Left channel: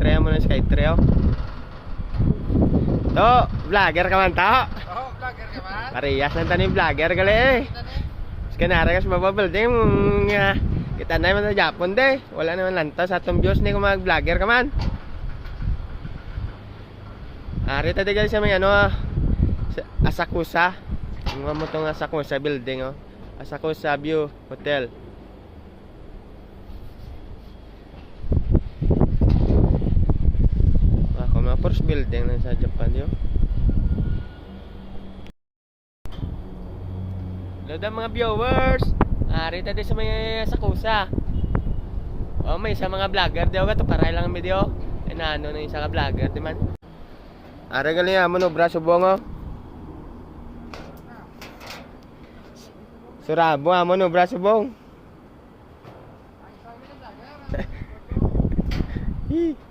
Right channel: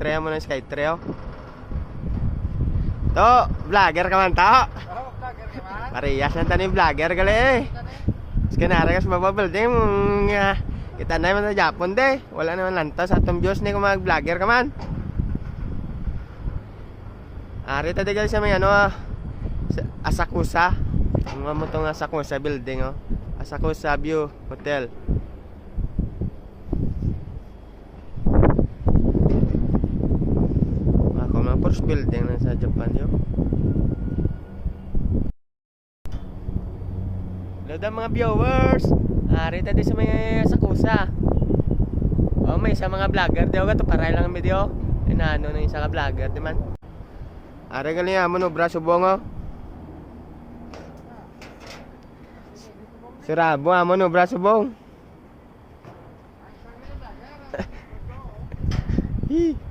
Skytrail mo ng Skytrail. To, vlogger ka man to. Oh, vlogger ka man. Parehas lang yung vlogger gali eh. Skanara ka sa baba building nga kita na man sa Japon de. Wala naman lantaw sa atong views ni kung mag-vlogger ka man. Ari ta gali sa may ano sa Asakusa. Mga mo tong Asakusa building oh. Asakusa View Hotel. Ako mga first building na sa Japan yo. Hello daw mga viewers. Ari ta di sa may Asakusa. Oh, may isa mga vlogger daw ka to para lang ang video. Inano na isa ka vlogger di man. Ari gali mo no braso bongo. Surabo amo no braso bong. Hi.